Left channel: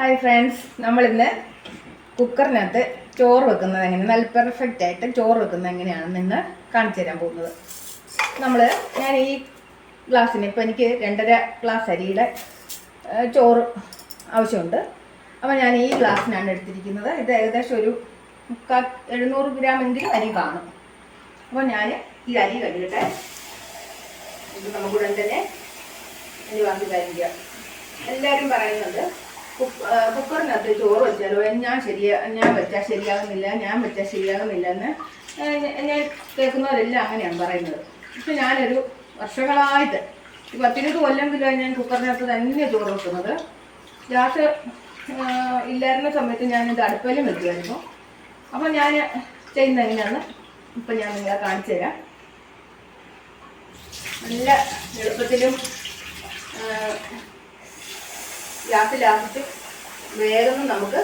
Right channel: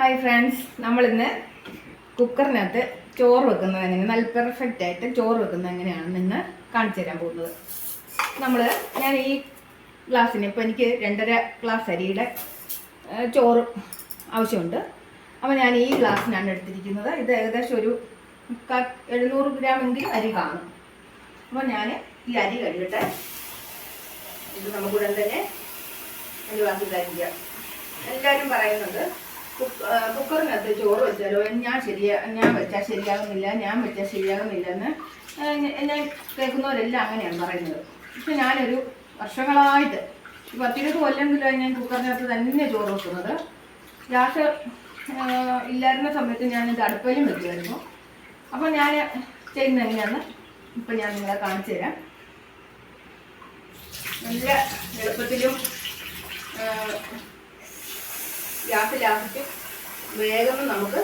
Hi friends, നമ്മളിന്ന് കുക്കറിനകത്ത് ചോറ് വെക്കുന്നത് എങ്ങനെ നല്ല പെർഫെക്റ്റ് ആയിട്ട് ചോറ് വെക്കുന്നത് എങ്ങനെയാണെന്ന് ഇന്ന് കാണിച്ചു തരാൻ പോകുന്നത്. ഞാൻ ഈ ഗ്ലാസ്സിന് ഇപ്പോൾ എനിക്ക് 2.5 ഗ്ലാസ് അരിയുടെ ചോറ് ആവശ്യമുണ്ട്. അപ്പോൾ ഞാൻ ഈ ഗ്ലാസ്സിനാണ് എടുത്തിരിക്കുന്നത്. ഇത് ഏകദേശം ഒരു 700 ഗ്രാം എങ്കിലും അരി കാണും. അപ്പോൾ ഞാൻ ഈ അരി കഴുകട്ടെ. ഇത് നമുക്കുടൻ തന്നെ ഒരു ഗ്ലാസ്സിൽ കഴിക്കാം. എല്ലാവരും പറയുന്നത് കുക്കറിനകത്ത് ചോറ് വെച്ചാലോ ഞാൻ വെച്ചാൽ ശരിയാകുന്നില്ല എന്ന് ഞാൻ കേൾക്കുന്നവരെല്ലാം അങ്ങനെയാണ് പറയുന്നത്. പക്ഷെ ഞാനൊരു വർഷങ്ങളായിട്ട് 10-20 കൊല്ലത്തിലായി ഞാൻ കുക്കറിനകത്ത് തന്നെ ചോറ് വെക്കുന്നത്. ഗ്യാസ് ഇല്ലായിരുന്ന സമയത്ത് ഞാനിത് അടുപ്പിലും വെക്കുമായിരുന്നു. അപ്പോൾ ഞാൻ ചെയ്യുന്നത് എങ്ങനെയാണെന്ന് ഇപ്പം ഞാൻ നിങ്ങളെ കാണിച്ചു തരാം. നല്ല എളുപ്പത്തിലും ഗ്യാസിലാക്കിയിട്ട് വേഗം നമുക്ക്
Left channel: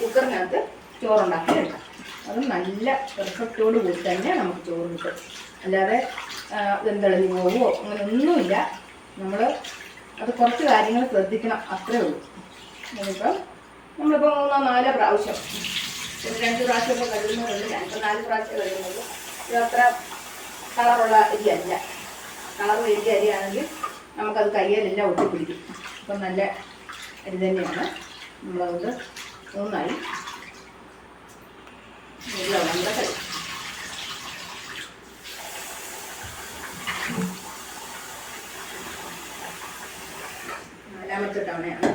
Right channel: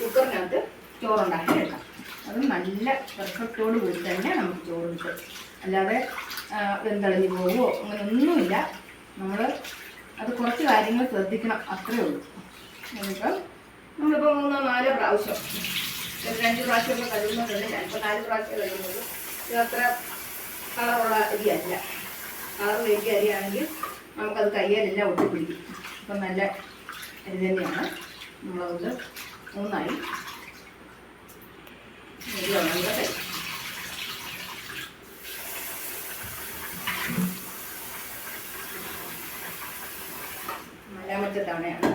കുക്കറിനകത്ത് ചോറുണ്ടാക്കി എടുക്കാം. അതും നല്ല പെർഫെക്റ്റോട് കൂടി തന്നെ നമുക്ക് ചോറ് കിട്ടും. അല്ലാതെ വെന്തളിഞ്ഞ് പോവുമോ അങ്ങനെയൊന്നുമില്ല. അത് കുറച്ച് കാര്യങ്ങൾ ശ്രദ്ധിക്കണം, അത്രയേ ഉള്ളൂ. നമ്മളിപ്പോൾ 3-4 പ്രാവശ്യം 2 പ്രാവശ്യമൊക്കെ കഴുകുന്നതുണ്ട്. ഞാനിപ്പോൾ 4 പ്രാവശ്യം കഴുകുന്നത്. ഇത് അത്ര കളറുള്ള അരിയല്ല. കളറ് വേണ്ടിയ അരിയാണെങ്കിൽ നമുക്കത് കയ്യിലെല്ലാം ഒട്ടിപ്പിടിക്കും. അപ്പം നല്ല അരി തന്നെയാണ്. നമ്മളതുകൊണ്ട് നന്നായി നമ്മുടെ കൈ 4ാമത്തെ തവണയാണ്.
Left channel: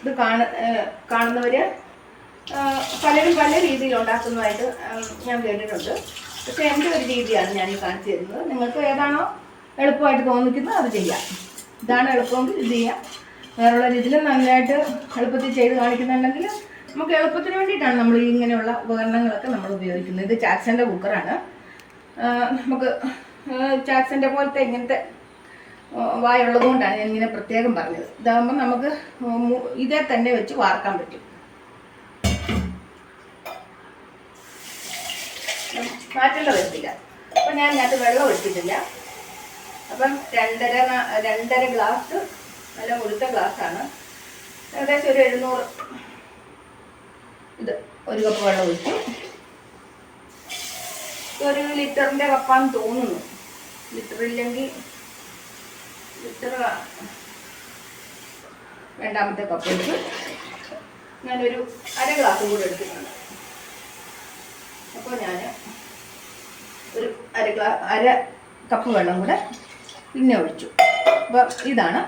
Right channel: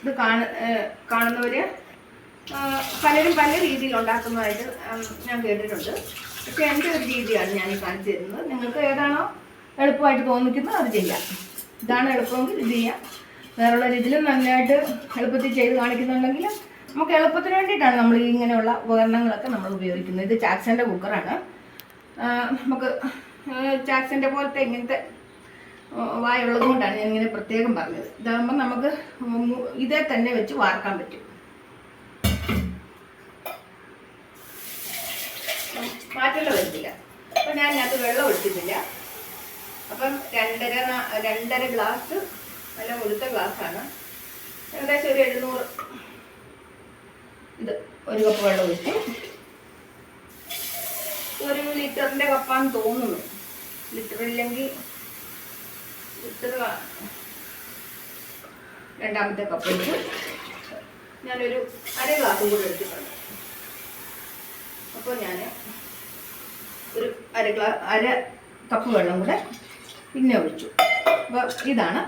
ഇത് കാണുന്നവര് പലരും പല രീതിയിൽ ഉണ്ടാക്കുന്നതായിട്ട് ഞാൻ കേട്ടിട്ടുണ്ട്. പക്ഷെ എൻ്റെ ഒരു രീതിയാണ് ഞാൻ കാണിച്ചു തരുന്നത്. നിങ്ങൾക്ക് ഏതാണോ എളുപ്പമായിട്ട് തോന്നിക്കുന്നത് അത് ചെയ്യാം. ഇതാണ് എളുപ്പമെങ്കിൽ ഇത് ചെയ്യാം. വേറെയുള്ള രീതിയിൽ നല്ലതായിട്ട് എളുപ്പത്തിൽ ചെയ്ത് കാണിക്കുന്നുണ്ടെങ്കിൽ നമുക്ക് എളുപ്പത്തിന് വേണ്ടിയിട്ടാണ് നമ്മൾ ഇങ്ങനെയുള്ള ഉപകരണങ്ങളൊക്കെ നമ്മൾ ഉപയോഗിക്കുന്നത്. ഇത് ചാക്സൻ്റെ കുക്കറാണ്. നമുക്ക് ചാക്സൻ്റെ പോലത്തെ ഇങ്ങനത്തെ വായുള്ളത് കൊണ്ടാണ് ഞാൻ ഇങ്ങനെ പ്രത്യേകം പറഞ്ഞത്. ഇതാകുമ്പോൾ നമുക്ക് ഇതേ തന്നെ വെച്ച് വാർക്കാൻ പറ്റും. മാറ്റേണ്ട വരത്തില്ല. അപ്പം ഞാൻ അതിനകത്ത് വെള്ളം ഒഴിച്ചിട്ടില്ല. അപ്പം 2.5 ഗ്ലാസ് നല്ല മുഴുത്ത ഗ്ലാസ്സാണ്. ഏകദേശം ഒരു 700 ഇത് 1 കപ്പ് വെള്ളം ഒഴിച്ചു. 1 ലിറ്ററിൻ്റെ കപ്പാന്ന് തോന്നുന്നു. ലിറ്ററില്ലെങ്കിൽ ലിറ്റർ 2ാമത്തെ കപ്പ് ഒഴിച്ചു. ഞാനൊരു 1/2 ഗ്ലാസും കൂടെ എടുത്തിട്ടുണ്ട്. അപ്പോൾ ഞാൻ ഒരു 1/2 കപ്പ് വെള്ളം കൂടെ പിന്നെ ഒഴിച്ചു. അപ്പോൾ ഇതാണ്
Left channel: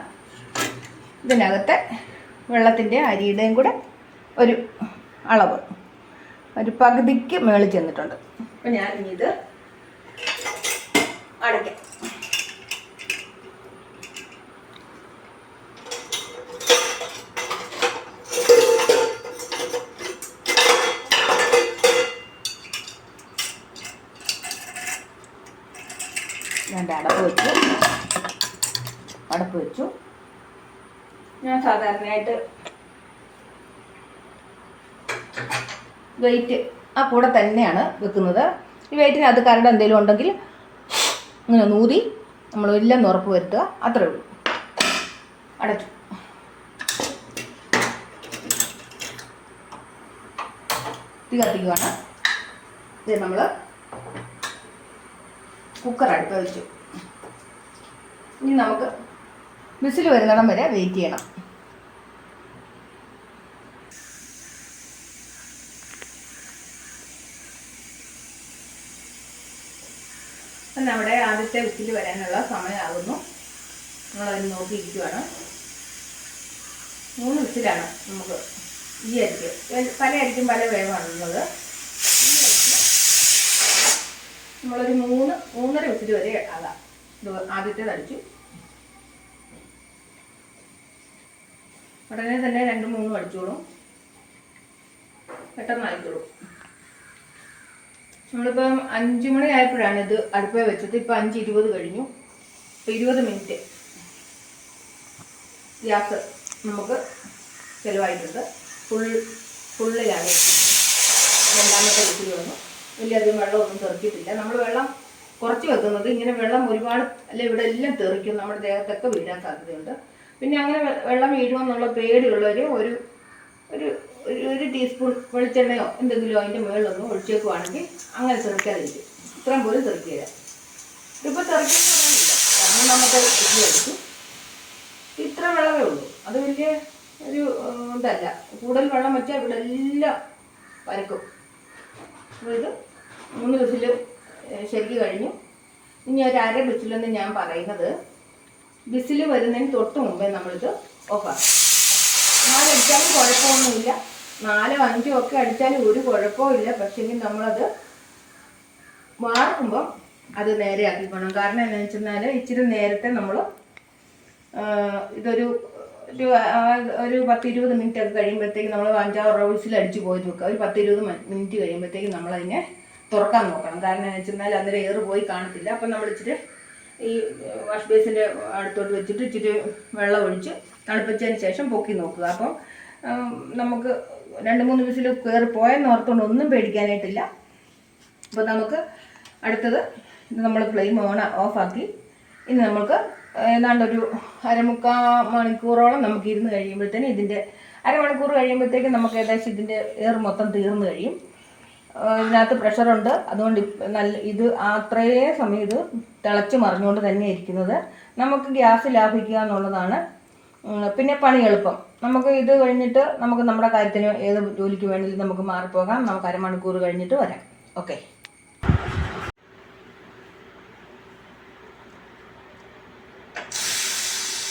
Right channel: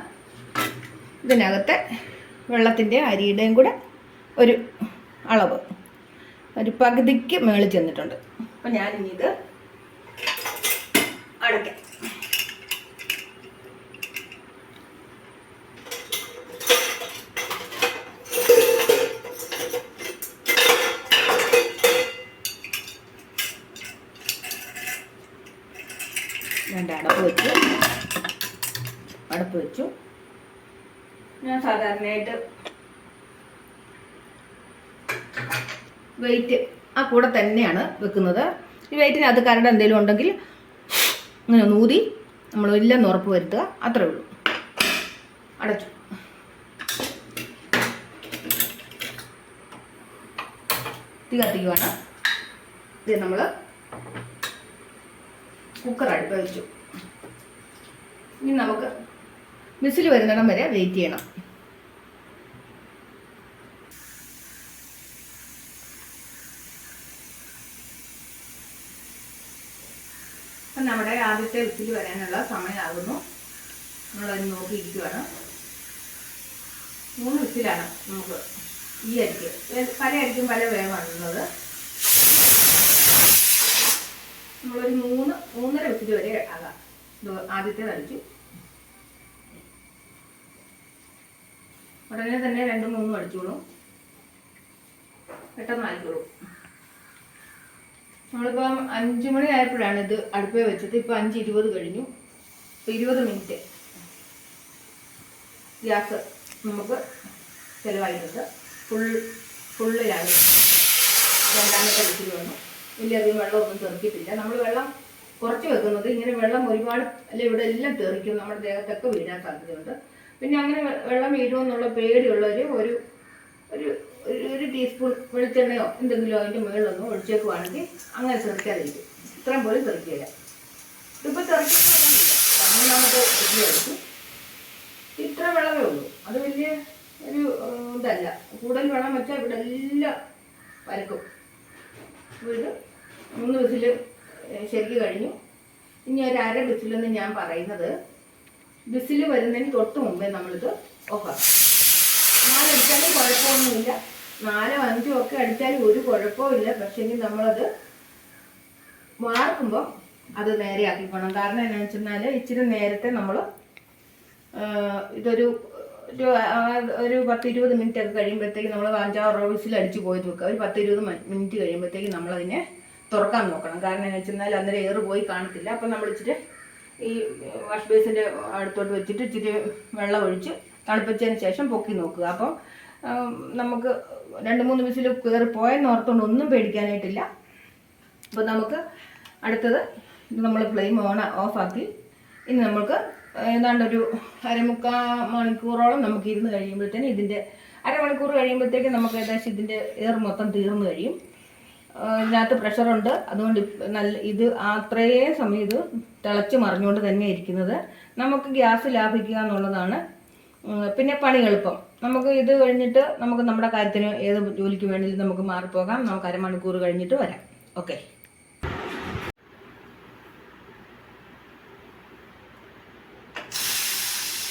ഇതിനകത്തെ വെള്ളത്തിൻ്റെ അരിയുടെയും കൂടെ ഒരു അളവ്. ഒരു പകുതിക്ക് മേളിൽ ചെന്നിട്ടുണ്ട്. അപ്പോൾ ഞാനിനി ഇത് അടയ്ക്കാം. ഞാൻ അടപ്പ് വെച്ചു. ഞാൻ സാധാരണയായിട്ട് വെയിറ്റ് ആ കൂടെ തന്നെയാണ് വെക്കുന്നത്. ഈ വെയിറ്റിന് അത് കരട് എന്തെങ്കിലും ഉണ്ടെങ്കിൽ ഇങ്ങനെ ഊതി നമ്മൾ ഇല്ലെന്ന് ഉറപ്പ് വരുത്തുക, അത്രേ ഉള്ളൂ. അടച്ചു. തീ കത്തിക്കുവാണ്. ഇത് നമ്മൾ കുക്കർ അടുപ്പ് വെച്ചു. ഇനി നമുക്ക് വിസിൽ വരുന്നിടം വരെ വെയിറ്റ് ചെയ്യണം. അപ്പം നമ്മുടെ ആദ്യത്തെ വിസിൽ വരാനുള്ള സമയമാകുന്നു. നമ്മളതിന് നോക്കിയിരിക്കുവാണ്. 3 വിസിലാണ് നമുക്ക് ഈ അരിക്ക്. പല അരിക്കും പല വേഗമാണുള്ളത്. നമ്മളൊരു 3-3.5 വിസിൽ വരെ ആകാം. ആദ്യത്തേത് അടിച്ചു. ഉടനെ തന്നെ 2-3 അടിച്ചോളും. പെട്ടെന്ന് ആയിക്കോളും. നമ്മളിപ്പം 5 മണി ആയപ്പോഴാണ് ഇത് അടുപ്പേ വെച്ചത്. ഇപ്പം 5:20 കഴിഞ്ഞു. ഇപ്പോൾ 20 മിനിറ്റ് ഗ്യാസ് നമുക്ക് ചിലവായിട്ടുണ്ട്. ഫുള്ളിലാണ് 2ാമത്തെ വിസിൽ വന്നു. വലിയധികം വെള്ളമൊന്നും തെറിച്ചിട്ടില്ല. നമ്മൾ വെള്ളം കുറച്ച് വെക്കുന്നത്. ഇങ്ങനെ വെള്ളം ഒരുപാട് അല്ല ഇവിടെ എല്ലാം തെറിക്കും, നമ്മുടെ ദേഹത്തൊക്കെ വീഴാൻ സാധ്യതയുണ്ട്. പിന്നെ അങ്ങനെ വെള്ളം വീഴുമെന്നുള്ള പേടിയുള്ളവർ ഒരു ഒരു ഒരു ടീസ്പൂൺ വെളിച്ചെണ്ണയോ എന്തെങ്കിലും അതിൻ്റെ മുകളിലൊന്നും ഒഴിച്ചേക്കുവാണെങ്കിൽ അങ്ങനെ തെറിക്കാതിരിക്കും. ഇത്രയും പോലും തെറിക്കില്ല. ഇതിപ്പോൾ തെറിക്കുന്നൊന്നുമില്ല, കാരണം നമുക്ക് എടുക്കും. ഇത്ര വെള്ളമേ ഉള്ളൂ, അത് വലിയ ഒരു ഇതല്ല. കൂടുതൽ വെള്ളം വെച്ചാൽ ഇവിടെ എല്ലാം വരക്കും. അപ്പോൾ ഇത് 3 വിസിൽ ശരിക്ക് കഴിഞ്ഞു. ഇനി ഒരു അര വിസിലെന്ന് ഞാൻ പറയുന്നത്, വിസിൽ വരുന്നതിന് തൊട്ട് മുമ്പേ നമ്മളിത് ഓഫാക്കും. 4 അടിച്ചാലും കുഴപ്പമൊന്നുമില്ല, 4 5 ഒക്കെ അടിച്ചാലും ഒരു കുഴപ്പമില്ല. പക്ഷേങ്കിൽ നമ്മളത് വാർക്കുമ്പം അത് നേരെ ആക്കിക്കണം. കാരണം എന്താണെന്ന് വെച്ചെന്നാൽ ഇച്ചിരി നേരത്തെ നമ്മൾ ഇതൊരു ഒരു 10-20 മിനിറ്റ് ഒക്കെ കഴിയുമ്പോഴത്തേക്ക് നമ്മൾ 5-6 വിസിൽ അടിച്ച് പോയിട്ട് വെക്കുക. ഒരു 10-20 മിനിറ്റ് കഴിയുമ്പോഴത്തേക്ക് നമ്മളതിനെ തുറക്കാൻ നോക്കണം. കാരണം എന്താണെന്ന് വെച്ചെന്നാൽ അന്നേരം എയർ പോയി കാണത്തില്ല. അപ്പം നമ്മൾ ഇച്ചിരി ഈ വാഷ് ബേസിൻ്റെ അടുത്തോട്ട് വെച്ചിട്ട് ഇച്ചിരി വെള്ളം ഒഴിച്ച് തണുപ്പിച്ചതിന് ശേഷം പൊക്കി നോക്കുക. അപ്പം നമുക്ക് 2-3 വിസിൽ കയറി പോയെന്ന് ഓർത്തുകൊണ്ട് ഒന്നും പേടിക്കാനായിട്ടില്ല. അപ്പോൾ നമുക്ക് അടുത്തത് ഇത് നമ്മൾ ഫ്ലെയിം ഓഫാക്കി ഇനി നമുക്ക് ഏതാണ്ടൊരു 1/4 മണിക്കൂറോളം നമുക്ക് ഇരുന്ന് കഴിയുമ്പോഴത്തേന് ഇതിൻ്റെ 1/2 മണിക്കൂർ കഴിയുമ്പോഴത്തേക്ക് നമുക്ക് ഏകദേശം ഇതിൻ്റെ എയർ മൊത്തം തീർന്നു കഴിയും. ഇതിനകത്ത് പ്രഷറുണ്ട്, അതുകൊണ്ട് ഇത് അത്രയേ സമയം ഇത് തിളച്ച് മറിഞ്ഞുകൊണ്ട് തന്നെ ഇരിക്കുന്നത്. നമുക്ക് ഗ്യാസ് ലാഭിക്കുക എന്നുള്ളതാണ്. പിന്നെ പണി എളുപ്പം. നമുക്ക് ഇത് കഴിഞ്ഞിട്ട് നമുക്ക് നമ്മുടെ കാര്യത്തിന് ഏത് ജോലിക്ക് വേണമെങ്കിലും നമുക്ക് മാറിപ്പോകാം. നമുക്ക് 1/2 മണിക്കൂർ കഴിഞ്ഞിട്ട് വരാം. ഓക്കെ.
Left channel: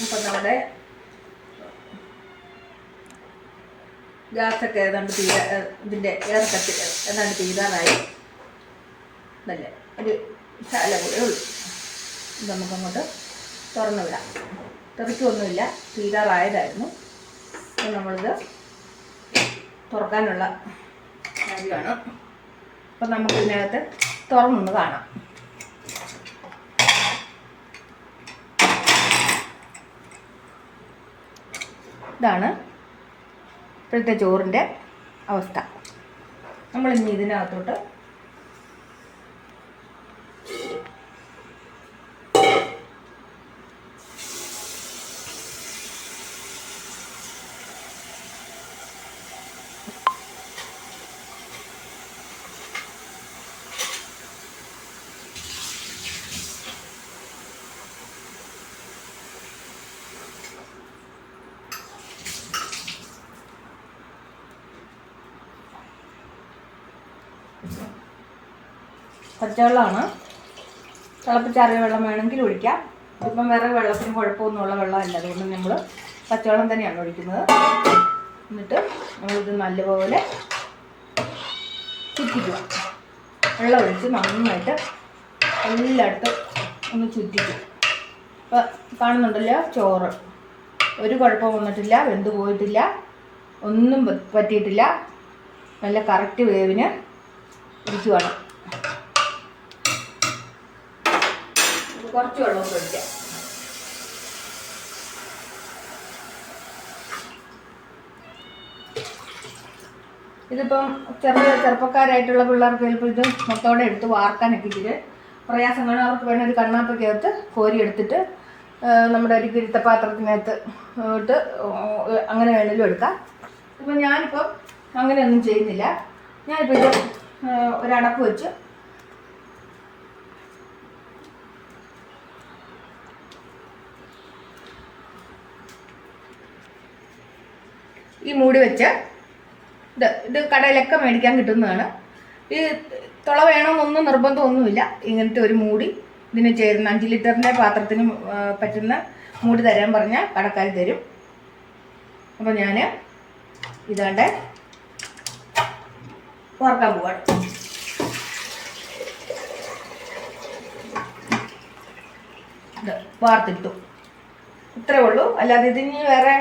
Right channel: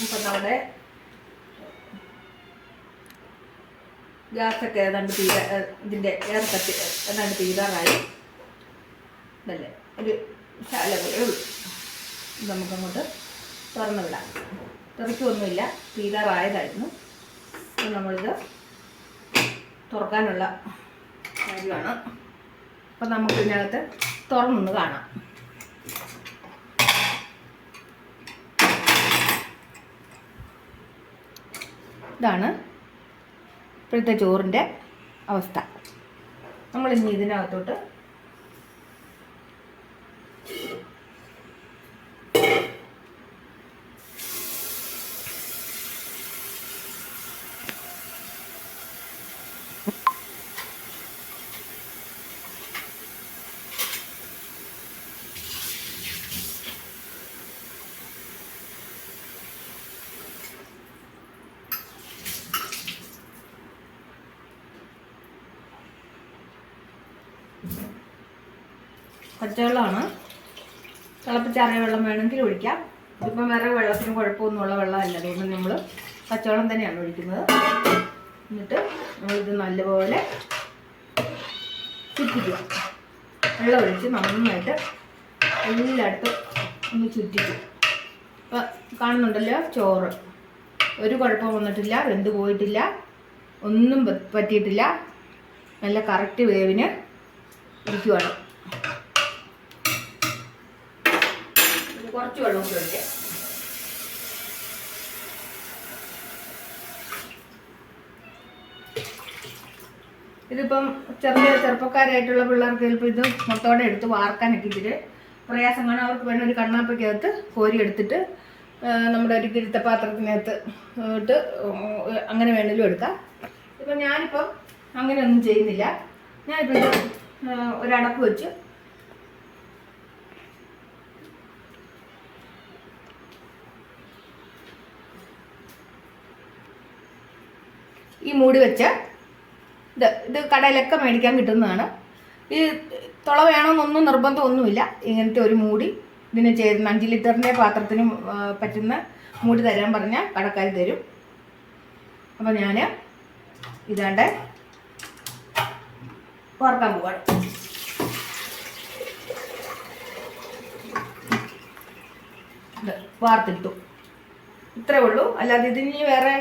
ഇപ്പം നമ്മുടെ ഗ്യാസൊക്കെ ഏതാണ്ട് ഇതിൻ്റെ എയർ കത്തി ഏതാണ്ട് തീരാറായി. ഇതല്ലേ ഒരു ശാല കൂടെ ഉള്ളു. ഇത് നമുക്കങ്ങോട്ട് തുറന്നു വിടാം. തെറിക്കൊന്നുമില്ല, തീരാറായതായിരുന്നു. അപ്പോൾ നമ്മളിത് തുറക്കാനുള്ള കാര്യമാണ്. അപ്പം നമുക്ക് ഇതിനകത്ത് തുറന്നൊന്ന് കാണാം. ഇതാണ് ഇപ്പോഴത്തെ ചോറിൻ്റെ അവസ്ഥ. നമ്മളിനി ഇതിനകത്തോട്ട് പച്ചവെള്ളമാണ്. തിളപ്പിച്ചാറിയ വെള്ളം വേണമെങ്കിൽ ഒഴിക്കാം. ഇതിപ്പം വേറെ വെള്ളത്തിന് കുഴപ്പമൊന്നുമുള്ള വെള്ളമല്ല, അതുകൊണ്ട് നമ്മൾ പച്ചവെള്ളം തന്നെയാണ് ഒഴിക്കുന്നത്. എന്നിട്ട് നമ്മളിത് നല്ലപോലെ ചുറ്റിക്കുക. വെള്ളം ഒഴിച്ച് നന്നായിട്ട് എല്ലായിടത്തും ഒന്ന് ചുറ്റിക്കും. ഇപ്പം കാണുന്നുണ്ടല്ലോ, ചോറ് ഒരു കുഴപ്പം വന്നിട്ടില്ല, വെന്ത് പോയിട്ടില്ല, ഒന്നും പറ്റിയിട്ടില്ല. നല്ല കറക്റ്റ് വേവിന് ഇരിക്കുവാണ്. കുറച്ച് വെള്ളം ഒഴിക്കാം. ഇതിപ്പം ചെറുപ്പക്കാരായിട്ടുള്ള പിള്ളേർക്ക് ചിലപ്പോൾ ഇത് മൊത്തോടെ എടുത്ത് വാർക്കാനൊക്കെ ഇച്ചിരി പ്രയാസമാണ്. അവർക്ക് വേണം ഒരു കണ്ണാപ്പയ്ക്കകത്ത് കോരി എടുത്തിട്ട് നമ്മുടെ ഒരു കിഴുത്തപാത്രത്തിനകത്ത് ഇട്ട് അങ്ങനെ വേണമെങ്കിലും എടുക്കാം. ഇപ്പം ഞാനിപ്പോൾ അങ്ങനെയൊന്നും ചെയ്യുന്നില്ല. ഞാനിപ്പോൾ ഇത് ഒരടപ്പ് വെച്ച് ഈ മൂടി വെച്ച് ഇത് കടയിലൊക്കെ മേടിക്കാൻ കിട്ടുന്നതാണ്. ഈ തുള വേണമെന്നൊന്നും നിർബന്ധമൊന്നുമില്ല. ഇങ്ങനത്തെ ഒരു മൂടി ഇതിന് ചേരുന്ന 5 ലിറ്ററിൻ്റെ പാത്രത്തിന് പറ്റുന്ന മൂടി തരാൻ പറഞ്ഞാൽ കടക്കാർ തരും. അപ്പോൾ ഞാൻ ഇതാണ്ട് വാർക്കാൻ പോവാണ്. വാർത്തിട്ടു, ഇത്രേ ഉള്ളൂ. അല്ലാതെ ഇതിന് വേറെ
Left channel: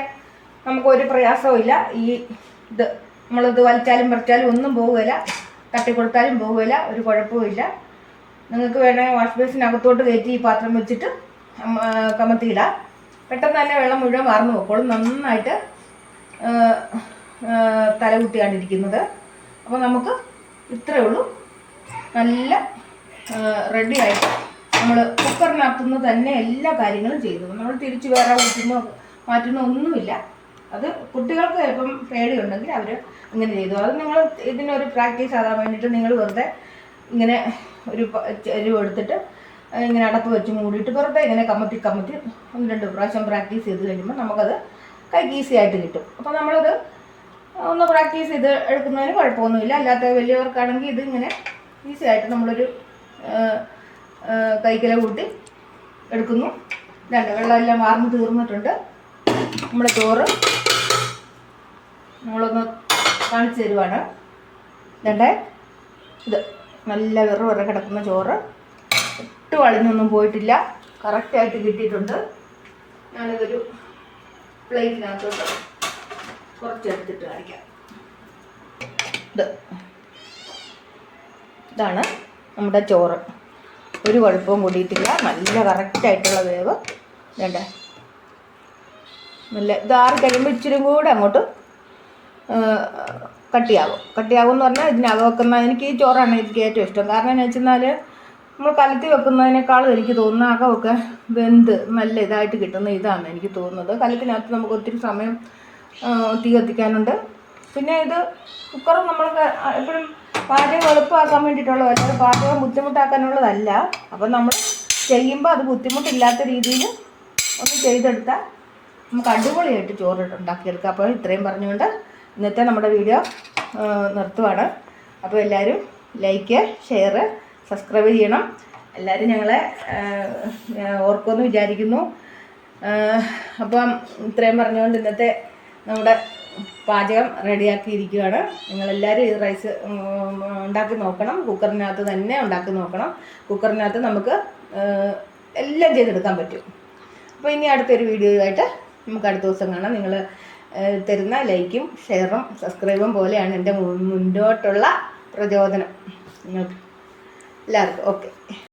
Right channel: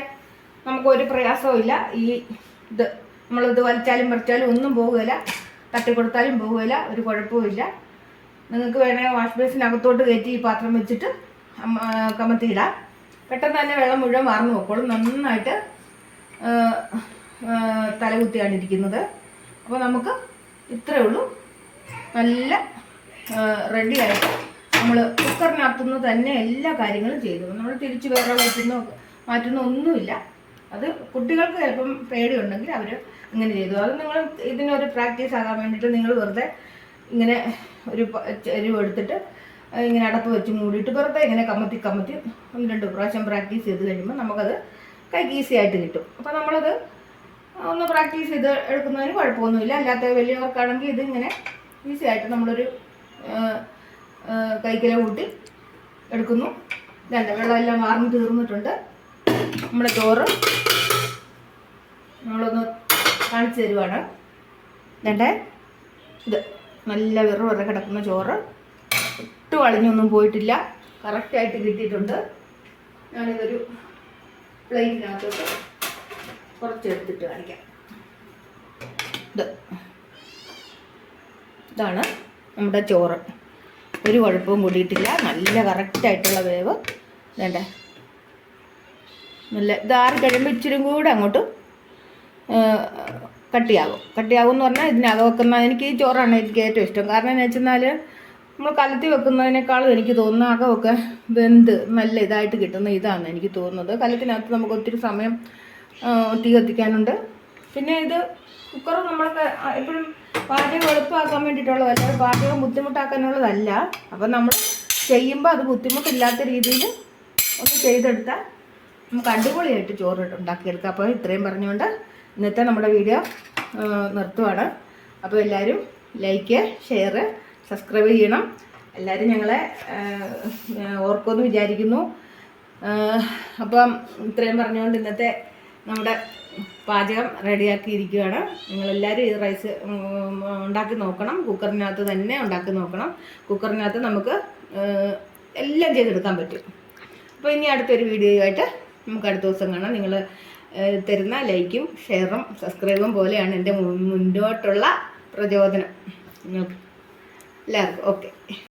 നമുക്കൊരു പ്രയാസവും ഇല്ല. ഇത് നമ്മളിത് വലിച്ചാലും പറിച്ചാലും ഒന്നും പോകുകയില്ല, തട്ടിക്കൊടുത്താലും പോകുകയില്ല, ഒരു കുഴപ്പവും ഇല്ല. നിങ്ങൾക്ക് വേണമെങ്കിൽ വാഷ് ബേസിനകത്തോട്ട് കയറ്റി ഈ പാത്രം വെച്ചിട്ട് കമത്തിയിടാം. പെട്ടെന്ന് തന്നെ വെള്ളം മുഴുവൻ വാർന്നു നോക്കോളും. നന്നായിട്ട് തലകുത്തിയാണ് ഇരിക്കുന്നത്. അപ്പോൾ നമുക്ക് ഇത്രയേ ഉള്ളൂ. നല്ല റെഡിയായിട്ട് നമ്മൾ കുക്കറിനകത്തുനിന്ന് തന്നെ എല്ലാ കാര്യങ്ങളും ചെയ്തു. നമ്മൾ തിരിച്ച് വേറെ ഊറ്റുന്നോ മാറ്റുന്നോ ഒന്നുമില്ല. അത് കുട്ടികൾക്ക് ചിലപ്പം പേടിയുണ്ടെങ്കിൽ അവർ ഇങ്ങനെ ചെയ്തു. അത് നിങ്ങൾ ഇതിനൊരു പ്രാക്ടീസ് ആകാൻ വേണ്ടിയിട്ട് നിങ്ങൾ വെറുതെ ഇങ്ങനെ ഒരു എരിവ് എടുത്തിട്ട് ഇങ്ങനെ അടപ്പ് വെച്ച് മൂടിയിട്ട് വെറുതെ ഇങ്ങനെ കമത്തി 1-2 പ്രാവശ്യം പ്രാക്ടീസ് ചെയ്ത് കഴിയുമ്പോൾ നമുക്കത് കൈക്ക് ഈസി ആയിട്ട് കിട്ടും. അപ്പോൾ നമ്മളത് ഒന്ന് പ്രാക്ടീസ് ചെയ്ത് എടുക്കുന്നതിന് കുഴപ്പമൊന്നുമില്ല. അല്ലാത്ത വലിയവർക്കാണെങ്കിൽ ഇത് ഇങ്ങനെ ഈസി ആയിട്ട് നമ്മളൊരു കൈക്കില കൂട്ടി എടുക്കുന്നു. വെള്ളമെല്ലാം വാർന്ന് തീർന്നിട്ടുണ്ട്. നമ്മുടെ ചോറ് നമ്മളൊന്ന് കാണിച്ചു തരുവാണ്. ഇത് നല്ല വെറുതെ കിടക്കുന്ന ചോറ്, ഒട്ടും അളിഞ്ഞൊന്നും പോയിട്ടില്ല, കറക്റ്റായിട്ട് കിട്ടിയിട്ടുണ്ട്. ഞാനിതൊരു പ്ലേറ്റിനകത്തോട്ട് കുറച്ചെടുത്തിട്ട് കാണിക്കാം. ഇതാണ് നമ്മുടെ ചോറ്. ഒരു കുഴപ്പവും കൂടിയിട്ടില്ല, നല്ല കറക്റ്റായിട്ടുള്ള വേവ്. വേണ്ടേ നല്ല ഇതാറി കഴിയുമ്പോൾ ഇച്ചിരി കൂടെ അങ്ങോട്ട് കട്ടിയാകും എന്ന് പറഞ്ഞാൽ ഇതിനകം വെക്കുന്ന എനിക്ക് ഈ ചോറാണ് എനിക്ക് ഏറ്റവും ഇഷ്ടം. കാരണം എന്ന് വെച്ചെന്നാൽ നമ്മൾ കലത്തി വെക്കുന്നതിനേക്കാളും എനിക്ക് തോന്നുന്ന അകമൊക്കെ വെന്ത് നല്ല ഇതായിട്ട് കിട്ടുന്ന ഇതാണ് എനിക്ക് തോന്നുന്നത്. കലത്തിനകത്ത് നമുക്ക് ഒത്തിരി സമയം തീ കത്തിക്കാനുണ്ട്. പിന്നെ ഇത് കുക്കർ നമ്മൾ എപ്പോഴും പാചകം എളുപ്പമാക്കാൻ വേണ്ടിയിട്ടുള്ളതല്ല, അല്ലാതെ പാചകം ബുദ്ധിമുട്ടാക്കാനുള്ളതല്ല. അപ്പം നമ്മൾ ചെയ്യുമ്പോൾ അത് ബുദ്ധിമുട്ടില്ലാത്ത രീതിയിൽ ഒന്ന് ചെയ്തെടുത്താൽ നമുക്ക് അടിപൊളിയായിട്ട് ചോറ് ഉണ്ടാക്കിയെടുക്കാം. അപ്പോൾ ഇത്രയും പറഞ്ഞുകൊണ്ട് ഇന്നത്തെ നമ്മുടെ വീഡിയോ നിർത്തുവാണ്. അപ്പോൾ എല്ലാവരും ലൈക്ക്, ഷെയർ, സബ്സ്ക്രൈബ് ചെയ്യണം. എല്ലാവരും ഞങ്ങളെ ഓർക്കുമെന്ന് വിചാരിക്കുന്നു. അപ്പം ഇത്രയും പറഞ്ഞുകൊണ്ട് ഇന്നത്തെ നമ്മുടെ പാചകം റെഡിയാക്കിയിരിക്കുകയാണ്. നിങ്ങളെല്ലാവരും ഈ റൈസ് ഉണ്ടാക്കി നോക്കണം. കുക്കറിനകത്ത് തന്നെ ഉണ്ടാക്കി നോക്കണം. കുക്കറിനകത്ത് നമുക്ക് എല്ലാം ചെയ്തെടുക്കാൻ പറ്റും. അപ്പോൾ ഇനി അടുത്തൊരു വീഡിയോ ആയിട്ട് നമുക്ക് അടുത്ത ദിവസം കാണാം. നിങ്ങൾ തരുന്ന ലൈക്കും ഷെയറും സബ്സ്ക്രൈബും പോലെയാണ് എൻ്റെ മുന്നോട്ടുള്ള പ്രചോദനം നിങ്ങൾക്ക് എല്ലാവർക്കും. ഓക്കെ.